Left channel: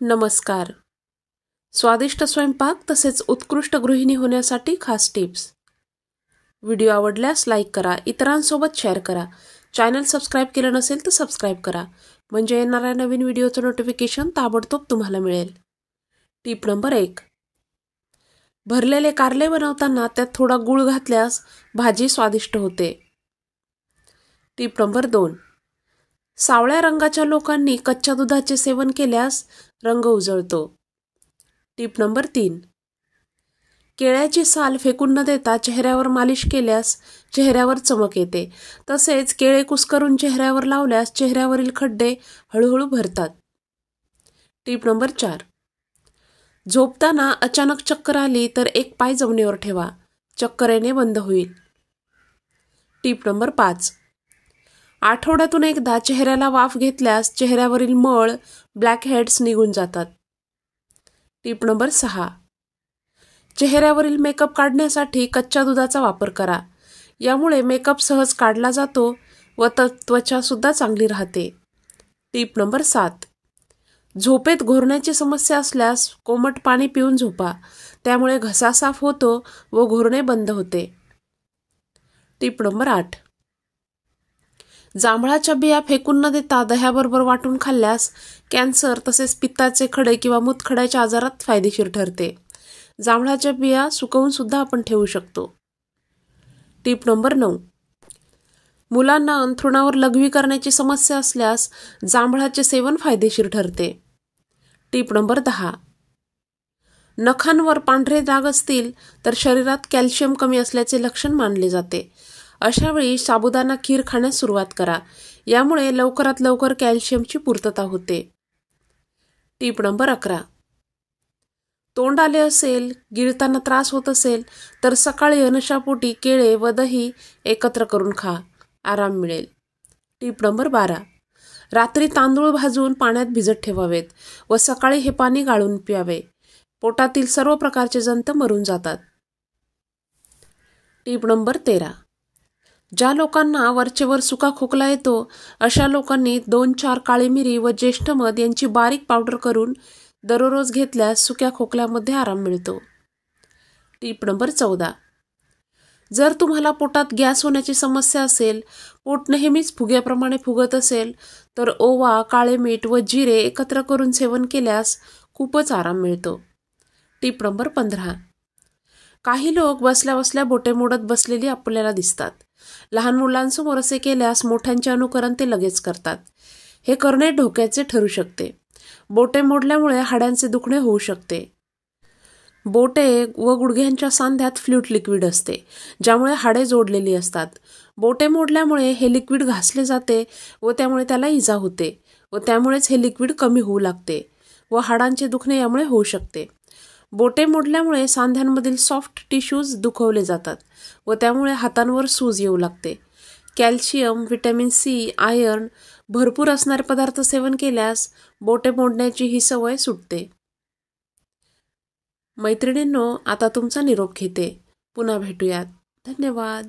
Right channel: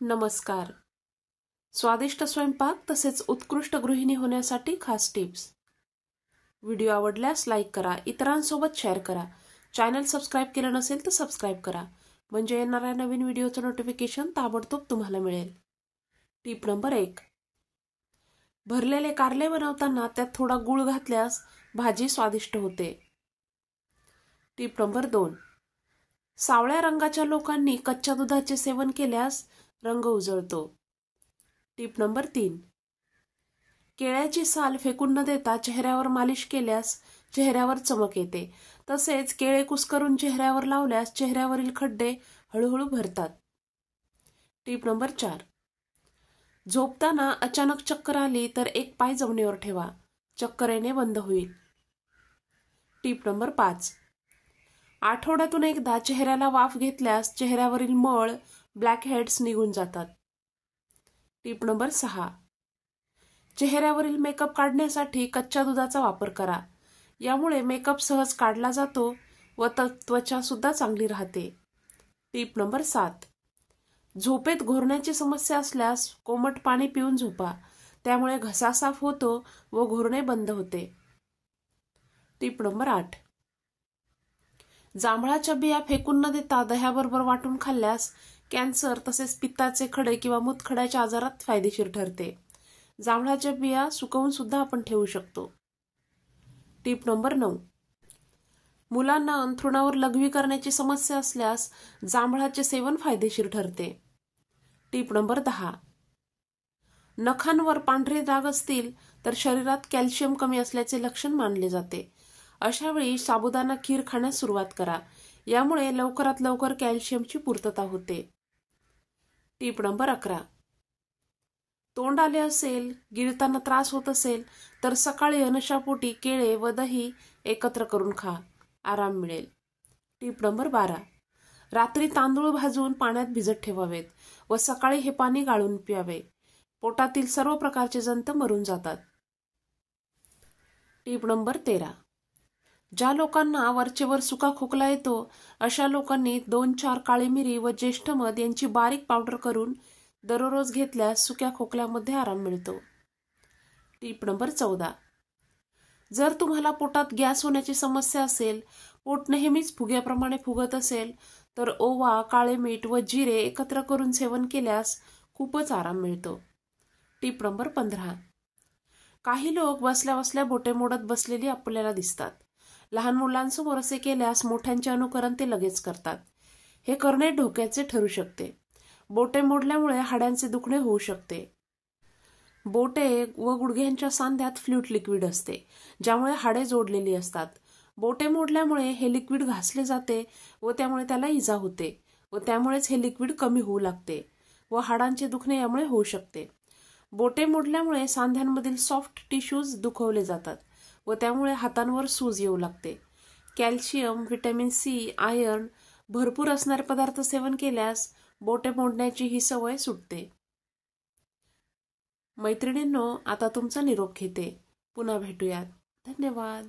नमस्कार. स्वादिष्ट स्वयंपाक तसेच उत्कृष्ट गृहिणी होण्यासाठी खास टिप्स. व्हिडिओ आवडल्यास लाईक करा, इतरांसोबत शेअर करा. चॅनल सबस्क्राईब केलं नसेल तर सबस्क्राईब करा, म्हणजे येणाऱ्या नवीन व्हिडिओचं नोटिफिकेशन ताबडतोब तुम्हाला मिळेल. Tip number 1. भरलेले कारले बनवताना त्यात थोडा गूळ घातल्यास भाजी स्वादिष्ट होते. Tip number 2. सावळ्या रंगाच्या लोकांनी कच्च्या दुधाचे सेवन केल्यास रंग उजळतो. Tip number 3. केळ्याची साल फेकून न देता चेहऱ्यावर मालिश केल्यास चेहऱ्यावर चमक येते. तसेच केळे कुस्करून चेहऱ्यावर लावल्यास चेहऱ्यावरील खड्डे हळूहळू भरतात. Tip number 4. झोपताना अचानक चक्कर आली तर एक पाय जमिनीवर ठेवा, चक्कर येणे बंद होईल. Tip number 5. आठवड्यातून एकदा चेहऱ्याला वाफ घेतल्यास चेहऱ्यावरील मळ, ब्लॅक हेड्स निघून जातात. Tip number 6. चेहऱ्यावरील मेकअप काढण्यासाठी कच्च्या दुधाचा वापर करा. यामुळे मेकअप सहज काढला जातो व त्वचा सुद्धा चांगली राहते. Tip number 7. झोपेत घोरण्याची समस्या असल्यास कोमट पाणी पिऊन झोपा, त्यामुळे घसा साफ होतो व घोरणे बंद होते. Tip number 8. जांभळाच्या बिया फेकून न देता दह्याबरोबर वाटून खाल्ल्यास कॅन्सर तसेच पित्ताचे खडे किंवा मूतखड्याच्या आजारात फायदेशीर ठरते. जांभळाच्या बिया सुकवून सुद्धा आपण ठेवू शकतो. Tip number 9. मुलांना अंथरुणावर लघवी करण्याची समस्या असल्यास जांभळाचे सेवन फायदेशीर ठरते. Tip number 10. नखांवर पांढरे डाग असतील तर शरीरात कॅल्शियम कमी असल्याचे लक्षण मानले जाते. अशा वेळी साबुदाणा खीर खाण्यास सुरुवात करा, यामुळे लवकरात लवकर कॅल्शियमची पूर्तता होते. Tip number 11. तोंड आले असेल, गिळताना त्रास होत असेल तर सकाळी अनशापोटी केळे व दही एकत्र करून खा, आराम मिळेल. Tip number 12. रात्री तांदूळ भाजून पाण्यात भिजत ठेवावेत व सकाळी हे पाणी गाळून प्यावे. पोटातील सर्व प्रकारचे जंत मरून जातात. Tip number 13. ज्या लोकांना वरचेवर सुका खोकला येतो अशा लोकांनी 2-4 काळी मिरी व ज्येष्ठ मध यांची बारीक पावडर करून दररोज घेतल्यास सुक्या खोकल्यामध्ये आराम मिळतो. Tip number 14. जर तुम्हाला पोटात गॅस होण्याची समस्या असेल, पोट नेहमीच फुग्याप्रमाणे फुगत असेल तर ओवा, काळे मीठ व जिरे एकत्र करून सेवन केल्यास खूपच आराम मिळतो. Tip number 15. काही लोक बसल्या बसल्या बोटे मोडत बसलेली आपल्याला दिसतात. लहान मुलांसमोर असे केल्यास मोठ्यांचे अनुकरण ते लगेच करतात. हे करणे धोक्याचे ठरू शकते. बोटे मोडल्यामुळे हाडांचे दुखणे होऊ शकते. बोटे व गुडघ्यांच्या सांध्यात फ्लूइड लिक्विड असते, ज्यामुळे हाडे जोडलेली असतात. बोटे मोडल्यामुळे हे लिक्विड घासले जाते व त्यामुळे त्याला इजा होते व त्यामुळेच हे लिक्विड कमी होऊ लागते व हाडांचे दुखणे यामुळे होऊ शकते. बोटे मोडल्यामुळे सांध्यांमधील सॉफ्ट टिश्यूज दुखवले जातात व त्यामुळे हातांवर सूज येऊ लागते. कॅल्शियम, व्हिटॅमिन सी, आयर्न भरपूर असणारे पदार्थ सेवन केल्यास बोटे मोडण्याची ही सवय सुटते. मैत्रिणींनो, आता तुमचा निरोप घेते. पुन्हा भेटूयात. धन्यवाद.